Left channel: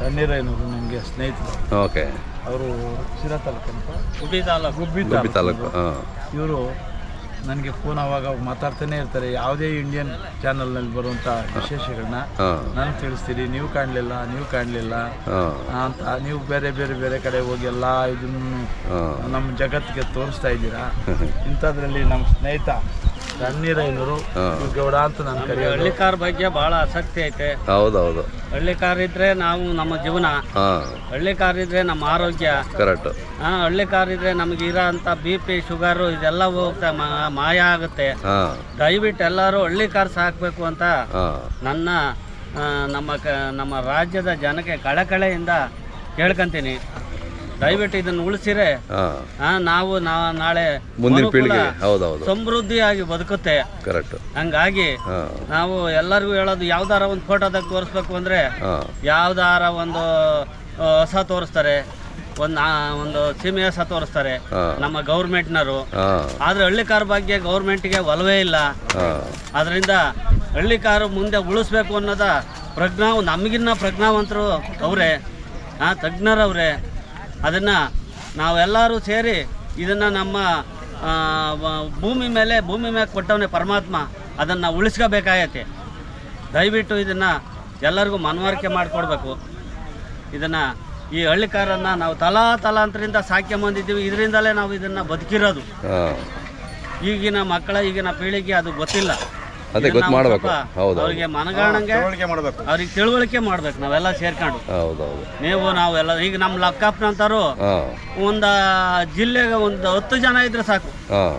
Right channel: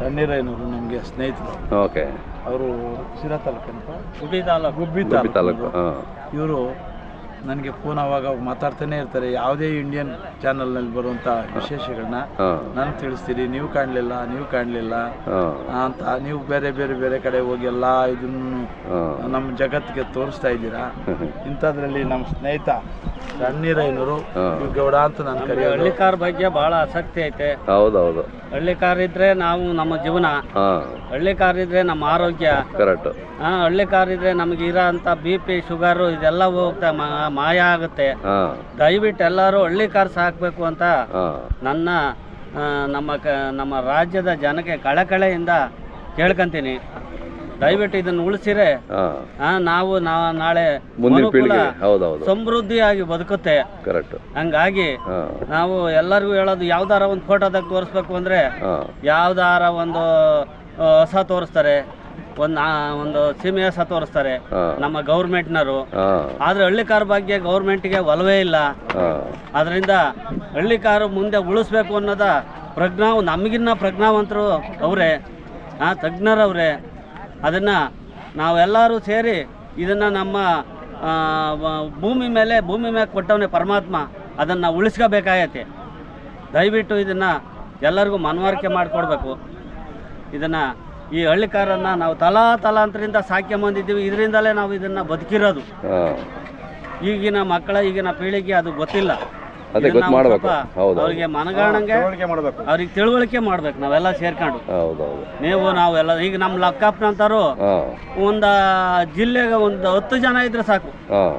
ತಣ್ಣೀರೈನವರು ನಮಗೆ ಸ್ನೇಹಿತರು? ಓಕೆ. ಅವರು ಶಿರಾ ತಾಲೂಕಂತ ಗುಬ್ಬಿ ತಾಲೂಕು. ಗುಬ್ಬಿ ಗುಬ್ಬಿ ತಾಲೂಕು. ಹಾಂ. ಇವರು ನನಗೆ ಫೋನ್ ಅವಾಗ ಅವಾಗ ಮಾತಾಡ್ತಾನೆ ಇರ್ತಾರೆ. ಯಾವುದೇ ಇಂಡಿಯನ್ ಚಾನಲ್ನಲ್ಲಿ ಬರುವಂಥ ವಿಶೇಷಗಳನ್ನ ನಾನು ತಿಳಿಸ್ತೀರಿ ನೀವು ಕಾಣಲಿಲ್ಲ ನೀವು ಕಾಣಲಿಲ್ಲ. ಅಂತ ನೀವು ಬೇರೆ ಬೇರೆ ಬೇರೆ ಕಡೆ ಹೋಗಿ ಎಲ್ಲ ಇದನ್ನು ನಮ್ಮ ಜಗತ್ತಿಗೆ ತೋರಿಸ್ತಾ ಇದ್ದೀರಾ? ಇಂಥದ್ರಲ್ಲಿ ನಮ್ಮ ಸ್ನೇಹಿತ ತಣ್ಣೀರೈನವರು ಕಾರ್ ಗೌಡ ಅಂತ ನಾನು ಕರೆಯೋದು. ಹಳ್ಳಿಕಾರ್ ಬಗ್ಗೆ ಬಹಳ ಆಸಕ್ತಿ ಐತೆ. ಹೌದೌದು. ಹಳ್ಳಿಕಾರ್ ಇದ್ರೆ ನಾವು ನಮ್ಮ ಜೀವನ. ಹಳ್ಳಿ ಕಾರ್ ಇದ್ರೆ ನಮ್ಮ ಆರೋಗ್ಯ. ಕರೆಕ್ಟ್ ಆ, ಹಳ್ಳಿಕಾರ್ ಇದ್ರೆ ನಮ್ಗೆ ಇರೋ ಅಂತ ಬಿ ಪಿ ಶುಗರು ಇದೆಲ್ಲ ಹೋಗ್ತಾ ಮಾ- ಮಾಯ ಆಗುತ್ತೆ. ಹಾ. ದಯವಿಟ್ಟು ಎಲ್ಲರೂ ಹಳ್ಳಿಕಾರ್ ಸಾಕ್ಬೇಕು ಅಂತ ಹಾಂ. ನನ್ನ ಆ, ನಮ್ಮ ಕ ನಮ್ಮ ರಾಜ್ಯದ ಜನಕ್ಕೆ ಕಳಕಳೆಯಿಂದ ಕೇಳ್ಕೊಂತೀನಿ. ದಯವಿಟ್ಟು ಇದನ್ನು ಉಳಿಸಿರೆ ಹಾಂ. ನಾವು ನಾ ನಾಳೆ ಮುಂದಿನ ಪೀಳಿಗೆ ಹೌದೌದು. ಸಮೃದ್ಧಿಯಾಗಿ ಬದುಕುತ್ತೆ. ಕರೆಕ್ಟು. ಹಂಗಾಗಿ ನಾವು ಎಲ್ಲರಿಗೂ ಹೇಳೋದು ಯಾವ್ದಾರ ಒಂದು ಫೋಟೋದಾಗ ತೋರಿಸ್ಬೇಕು ಅಂದ್ರೆ ಯಾವ್ದಾರ ಒಂದು ಹೊಸ ತೋರಿಸ್ತಾರೆ ಒಂದು ಒಂದು ಸೀಮೆ ಹೊಸ ತೋರಿಸ್ತಾರೆ ನಮ್ಮ ಗೌರ್ಮೆಂಟ್ನವರು. ಆದ್ರೆ ಹಳ್ಳಿ ಹಳ್ಳಿಕಾರ ಬಗ್ಗೆ ಗೌರ್ಮೆಂಟ್ಗೆ ಒಲವೇ ಇಲ್ಲ. ಅದರಿಂದ ಹಳ್ಳಿಕಾರು ಮುಂದೆ ಉಳಿಸ್ಬೇಕು ಅನ್ನೋದ ಪ್ರಜ್ಞಾವ್ ನಮಗಿನ್ನ ಪ್ರಜ್ಞಾವಂತರು ಅವರೇ ಆ ತಜ್ಞರವ್ರೆ. ಅದನ್ನು ನಾವೆಲ್ಲರೂ ಸೇರಿ ಇದನ್ನು ನಮ್ಮ ಭೂಮಿ ಮೇಲೆ ಭೂಮಿ ಮೇಲೆ ಕೊಟ್ಟವನೇ ಪರಮಾತ್ಮ ಅದನ್ನು ಉಳಿಸ್ಕೋಬೇಕಾಗೈತೆ. ದಯವಿಟ್ಟು ಇದನ್ನು ಎಲ್ಲರಿಗೂ ಮನವರಿಕೆ ಮಾಡಿಕೊಡ್ಬೇಕು. ಇದನ್ನು ಈ ಹಳ್ಳಿಕಾರನ್ನು ನಾವು ತಲಾ ತಲಾಂತರಿಂದ ಸಾಕ್ಯಂಬಂದಿದ್ದೀವಿ ಇದರಿಂದಲೇ ನಾವು ಇದನ್ನು ಬದುಕಿರೋದು. ಈಗಿನ ಮಕ್ಕಳ ಈಗಿನ ಪೀಳಿಗೆ ಅದು ಗೊತ್ತಿಲ್ಲ. ಅದೇ ಗೊತ್ತು ಮಾಡಬೇಕು. ಹೌದು ಅವ್ರಿಗೆ ಮನಗಾಣಂಗೆ ಅವ್ರಿಗೆ ತಿಳುವಳಿಕೆ ಮಾಡ್ಬೇಕು ನಾವೆಲ್ಲ ಸೇರ್ಕೊಂಡು. ಹೌದೌದು ನೀವು ನಾವೆಲ್ಲ ಈಗ ನಮ್ಮ ಲಕ್ಕಪ್ಪನಂತಾರು ಹಾಂ. ಒಂದು ಜಿಲ್ಲೆಗೆ ಒಂದು ಹತ್ತು ಜನ ಇದ್ರೆ ಸಾಕು. ಹಾಂ.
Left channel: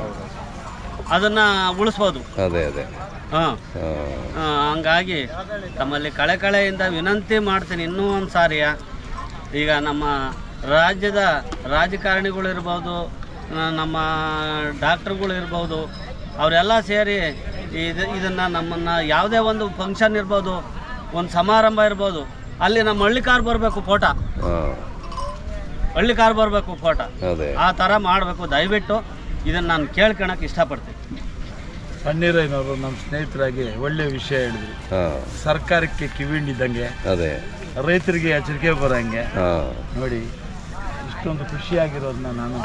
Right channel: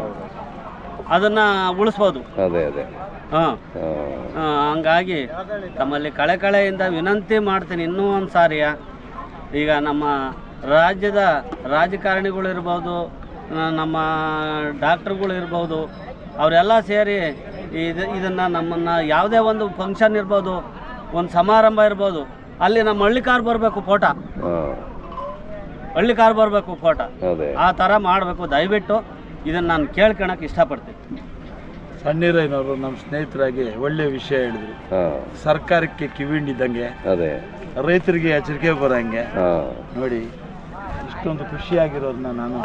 ಅದನ್ನ ಉಳಿಸ್ಬೋದು. ಅದೇ ಅದೇ. ಹಾಂ. ಹಾಂ. ಹಂಗಾಗಿ ತಮ್ಮಲ್ಲಿ ಕಳೆ ಕಳೆಯಿಂದ ವಿನಂತಿ ಮಾಡ್ತೀನಿ ಇನ್ನೂ ಒಂದು ಸಾರಿಯ. ಈಗ ನಮ್ಮ ರಾಜ್ಯದ ರಾಜಕಾರಣಿಗಳಿರ್ಬೋದು ಇರ್ಬೋದು ನಮ್ಮ ಡಾಕ್ಟ್ರುಗಳು ಇರ್ಬೋದು ಅವರೆಲ್ಲ ಸೇರಿ ಇದು ಇದನ್ನು ನಮ್ಮನ್ನು ಯಾವುದೇ ಒಂದು ಫಂಕ್ಷನ್ ಇರ್ಬೋದು ಒಂದು ಸಮಾರಂಭ ಇರ್ಬೋದು ಅಲ್ಲಿ ನಮ್ಮ ಹಳ್ಳಿ ಕಾರ್ ಬರಬೇಕು ಫೋಟೋ. ಹಳ್ಳಿ ಕಾರ್ ಬರಬೇಕು ಫೋಟೋ. ಅದೇ. ಆ ಥರ ಮಾಡಬೇಕು. ದಯವಿಟ್ಟು ಇದನ್ನು ನಾನು ಕೇಳ್ಕೊಳಕ್ಕೆ ಇಷ್ಟಪಡ್ತೀನಿ. ಸಣ್ಣೀರಯ್ಯನವರು ನಮ್ಮ ಸ್ನೇಹಿತರಾಗಿ ಒಳ್ಳೆ ವಿಷಯ ಹೇಳಿದ್ರು. ಸರ್ಕಾರಕ್ಕೆ ಕಿವಿಂಡಿದ್ದಂಗೆ ಅದೇ. ರೈತರಿಗೆ ಎಚ್ಚರಿಕೆ ಬರೋಂಗೆ. ನೋಡಿ ಇಷ್ಟೊಂದು ಖುಷಿಯಾಗಿರೋದನ್ನ ನಾನು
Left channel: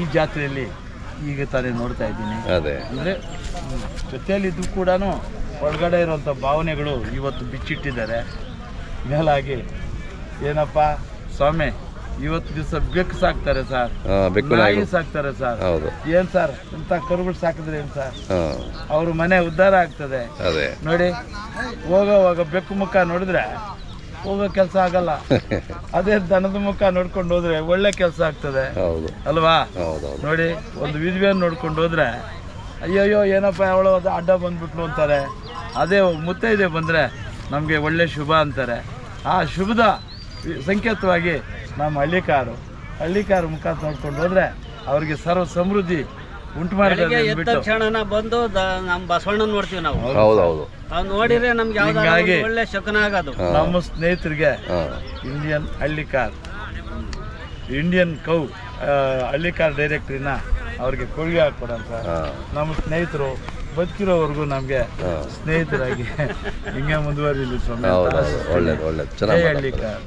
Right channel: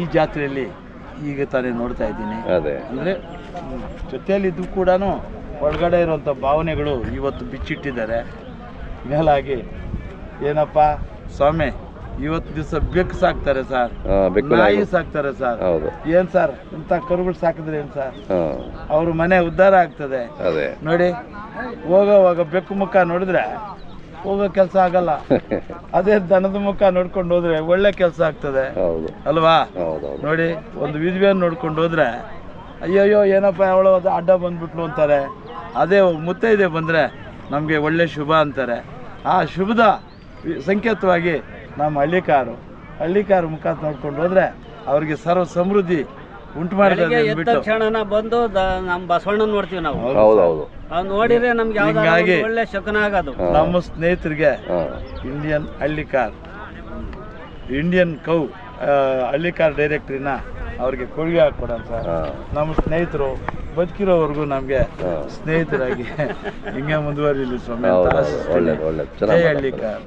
ಈ ಜಾತ್ರೆಯಲ್ಲಿ ಈಗ ತಾನೇ ನೋಡ್ತಾ ಇದ್ದೀನಿ. ಅದೇ. ಅಂದರೆ ಜೊತೆಯಲ್ಲಿದ್ದು ಕೂಡ ಒಳಗಡೆ ಇರುವಂಥ ಭಾವನೆಗಳು ಇವತ್ತು ಬಿಚ್ಚಿಟ್ಟಿದ್ದಾರೆ. ಮೇಲಾಗಿ ಏನಪ್ಪ ಸ್ವಾಮಿ ಇವತ್ತು ದಿವಸ ಬೆಕ್ಕು ಸಾಕ್ತಾರೆ ಸರ್. ನಾಯಿ ಸಾಕ್ತಾರೆ ಸರ್. ಏನ್ ಸರ್? ಇಂಥ ಕರುಗಳು ಸಾಕಿದ್ರೆ ಏನ್ ಸರ್? ಅವ್ರ ಮನೆ ಉದ್ಧಾರ ಆಗ್ತದೆ. ನೋಡಿ ಹೋಗೋವಾಗ ಬೆಕ್ಕು ಮುಖ ನೋಡಿದ್ರೆ ಹೋಗೋ ಕೆಲಸ ಆಗಲ್ಲ. ಅದೇ ದನದ ಮುಖ ನೋಡ್ಕೊಂಡು ಹೋದ್ರೆ ಒಳ್ಳೆ ಕೆಲಸ ಆಗ್ತದೆ. ಹೌದು. ಅಲ್ವಾ? ನೋಡಿ ಒಂದು ವಿಧವೆಯನ್ನು ನೋಡ್ಕೊಂಡು ಹೋದ್ರೆ ಅಯ್ಯಯ್ಯೋ ಏನಪ್ಪ ಅವಳು ಅದು ಅಡ್ಡ ಬಂದ್ಬಿಟ್ಲು ಅಂತಾರೆ. ಅದೇ ಮುತ್ತೈದೆ ಬಂದರೆ ನಮಗೆ ಒಳ್ಳೆ ಶುಭ ಅಂತಾರೆ. ಆ ಶುಭದ ಸಂಕೇತವಾಗಿ ನಮ್ಮ ಹಳ್ಳಿಕಾರು ಹಳ್ಳಿಕಾರ ಮುಖ ನೋಡ್ಕೊಂಡು ಹೋದ್ರೆ ಅವರಿಗೆ ಸರ್ವ ಸಮೃದ್ಧಿ ಉಂಟು ಬೆಳಿಗ್ಗೆ ಎದ್ದ ಅಂದ್ಬಿಟ್ಟು. ತಕ್ಷಣ ಬಂದು ದ- ನಮ್ಮ ಬಸವಣ್ಣನ ನೋಡ್ತೀವಿ ನಾವು. ಹೌದೌದು ಅವ್ ನೋಡಿದ್ರೆ ನಮ್ಗೆ ಯಾವ್ದಾರ ಹಿಂಗಾಗಿ ಒಳ್ಳೆ ಶಕನ ಆಗೋದು ನಮ್ಮ ಸ್ನೇಹಿತರಿಗೆ ಹಾಂ. ಇಂಡಿಯನ್ ಹಳ್ಳಿಕಾರ್ ಇಂಡಿಯನ್ ಕೌ ಆ, ಹಳ್ಳಿಕಾರ್ ಡೈರೆಕ್ಟ್ರಿನ ಅವ್ರಿಗೆ ಕೊಡುಗೆ ಹಾಕ್ಕೊಡಂತ ಹಾಂ. ನಮ್ಮ ಸ್ನೇಹಿತರು ಬದುಕಿರೋವರೆಗೂ ನಮಗೆ ಸ್ನೇಹಿತರಾಗಿ ಹಿಂಗೆ ಮುಂದುವರಿಲಿ ಸ್ವಾಮಿ ಅಂತ ಹೌದು ಆಶಿಸ್ತೀನಿ. ಒಳ್ಳೇದು ಒಳ್ಳೇದು. ಜೈ ಚೆನ್ನಾಗಿ ಹಳ್ಳಿಕಾರ್